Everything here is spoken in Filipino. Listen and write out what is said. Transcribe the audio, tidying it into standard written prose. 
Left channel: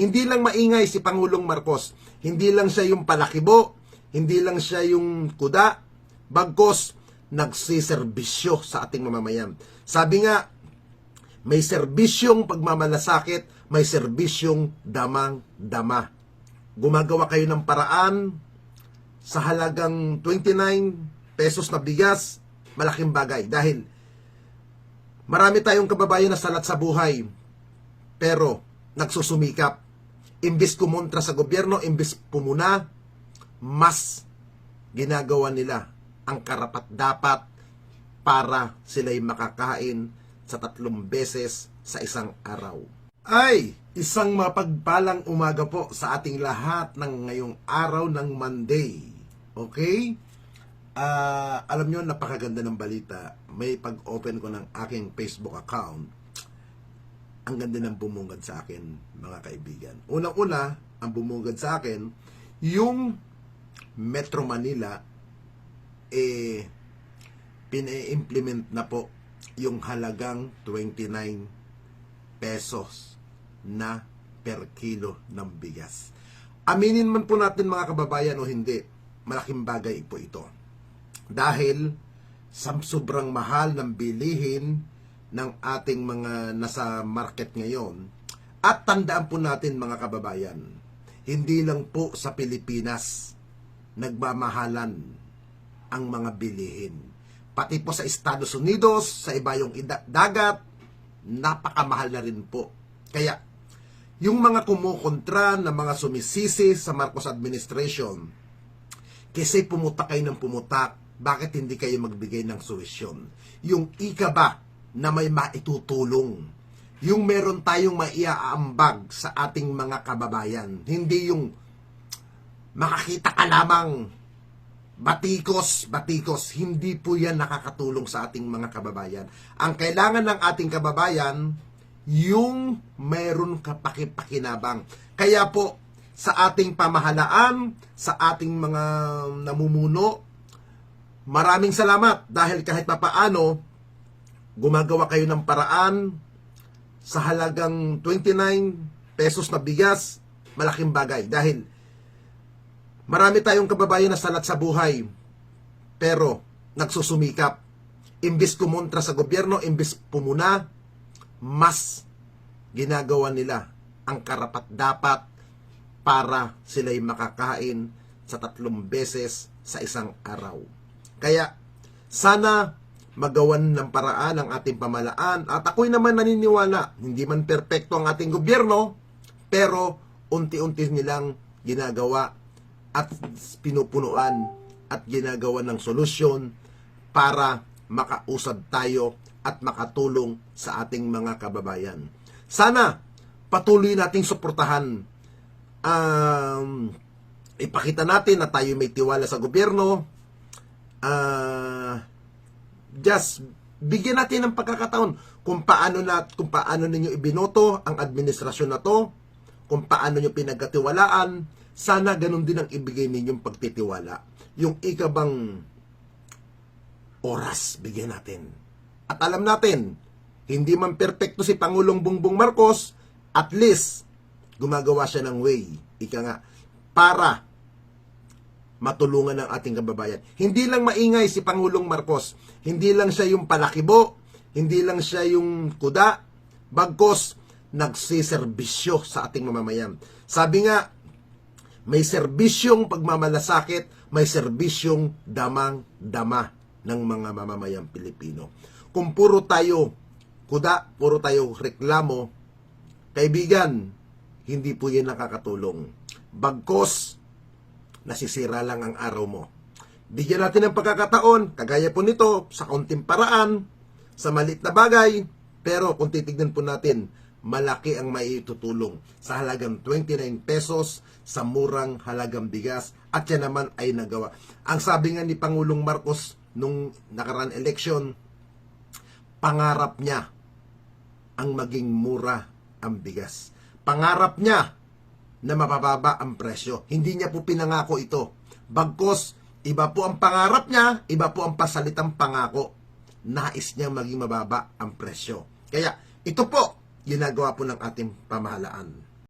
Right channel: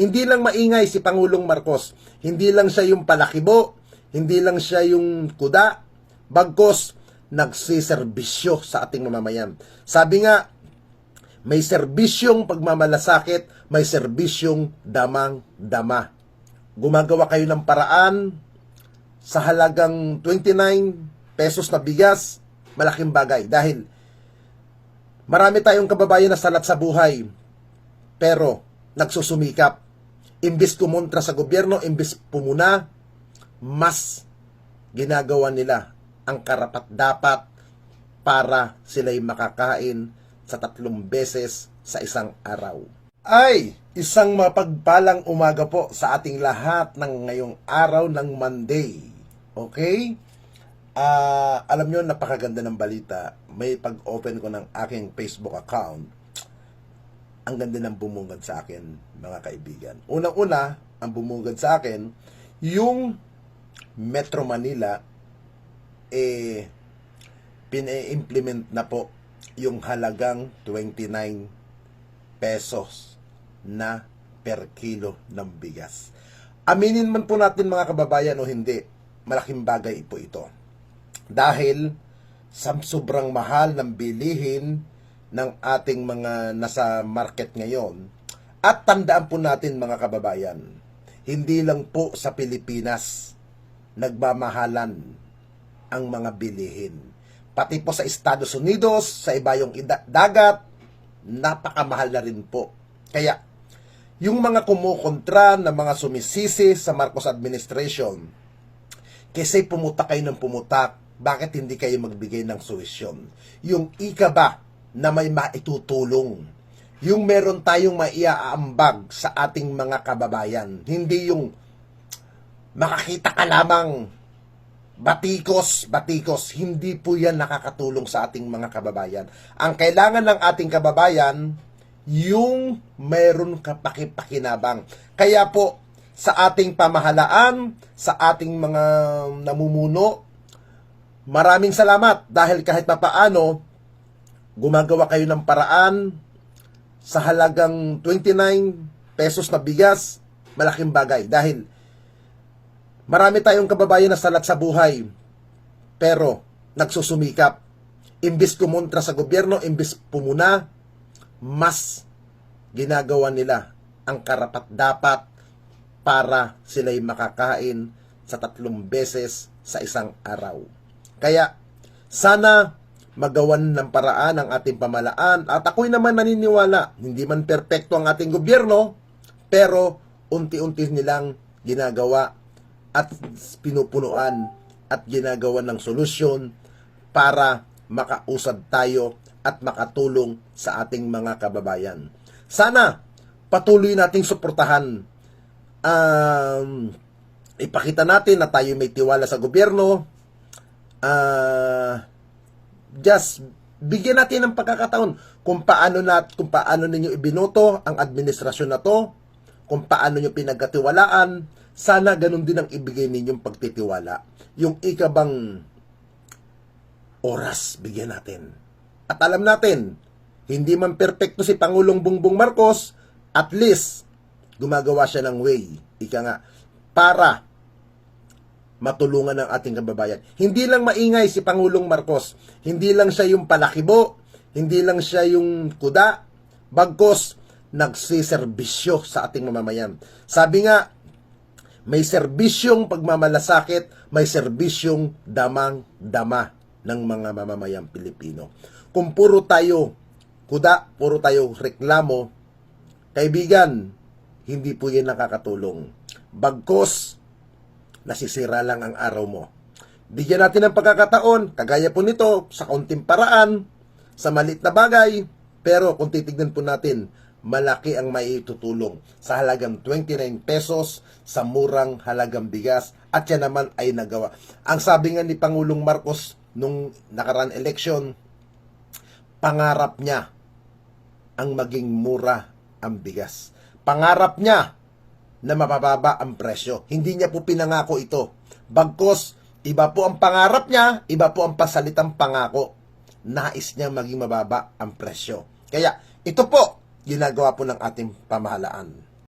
Hindi lang maingay si Pangulong Marcos. Hindi lang siya yung palakibo. Hindi lang siya yung kuda. Bagkos, nagsiserbisyo sa ating mamamayan. Sabi nga, may serbisyong pagmamalasakit, may serbisyong damang-dama. Gumagawa kayo ng paraan sa halagang 29 pesos na bigas, malaking bagay. Dahil marami tayong kababayan na salat sa buhay, pero nagsusumikap. Imbis kumontra sa gobyerno, imbis pumuna, mas ginagawa nila ang karapat-dapat para sila'y makakain sa 3 beses sa isang araw. Ay, isang mapagpalang umaga po sa ating lahat ng ngayong araw ng Monday. Okay? Alam nyo, napakaganda ng balita. May pag-open ko ng aking Facebook account. Ang ganda ng bumungad sa akin, mga kaibigan. Unang-una, ang bumungad sa akin, yung Metro Manila, pina-implement na po yung halagang 29 pesos na per kilo ng bigas. Aminin man po natin mga kababayan o hindi, malaking bagay po ito. Dahil sa sobrang mahal ng bilihin ng ating mga nasa market ngayon, at tandaan po natin mga kababayan, hindi lang po sa Pilipinas nagmamahalan ang mga bilihin. Pati po sa Estados Unidos, sa iba yung dagat, napakamahal na rin po. Kaya, yung mga kumukontra na mga sumisisi sa Marcos administration, kasi pumutak kayo ng pumutak, bakit hindi kayo magbigay ng solusyon? Yung ika ba na may maitutulong? Yung meron tayong maiaambag sa ating mga kababayan. Hindi yung makakita ka lamang batikos. Hindi po yan nakakatulong sa ating mga kababayan. Ang kailangan ng ating kababayan, yung meron kapakipakinabang. Kaya po, sa ating pamahalaan, sa ating mga namumuno, maraming salamat dahil kahit papaano, gumagawa kayo ng paraan sa halagang 29 pesos na bigas, malaking bagay. Dahil marami tayong kababayan na salat sa buhay, pero nagsusumikap. Imbis kumontra sa gobyerno, imbis pumuna, mas ginagawa nila ang karapat-dapat para sila'y makakain sa 3 beses sa isang araw. Kaya, sana magawan ng paraan ang ating pamahalaan. At ako'y naman naniniwala, hindi man perpekto ang ating gobyerno, pero unti-unti nilang ginagawa at pinupunuan at ginagawa ng solusyon para makausad tayo at makatulong sa ating mga kababayan. Sana patuloy nating suportahan. Ipakita natin na tayo may tiwala sa gobyerno. Just bigyan natin ng pagkakataon kung paano ninyo ibinoto ang administrasyon na to, kung paano nyo pinagkatiwalaan. Sana ganun din ang ibigay ninyong pagtitiwala. Yung ikabang oras bigyan natin. At alam natin, hindi man perpekto si Pangulong Bongbong Marcos, at least gumagawa siya ng way, para matulungan ng ating kababayan. Hindi lang maingay si Pangulong Marcos. Hindi lang siya yung palakibo. Hindi lang siya yung kuda. Bagkos, nagsiserbisyo sa ating mamamayan. Sabi nga, may serbisyong pagmamalasakit, may serbisyong damang-dama ng mga mamamayang Pilipino. Kung puro tayo kuda, puro tayo reklamo, kaibigan, hindi po yan nakakatulong. Bagkos, nasisira lang ang araw mo. Bigyan natin ng pagkakataon, kagaya po nito, sa kaunting paraan, sa maliit na bagay, pero kung titignan po natin, malaki ang maitutulong sa halagang 29 pesos sa murang halagang bigas, at yan naman ay nagawa. Ang sabi nga ni Pangulong Marcos nung nakaraan election, pangarap niya ang maging mura ang bigas. Pangarap niya na mabababa ang presyo. Hindi niya po pinangako ito. Bagkos, iba po ang pangarap niya, iba po ang pasalitang pangako. Nais niya maging mababa ang presyo. Kaya, ito po, ginagawa po ng ating pamahalaan.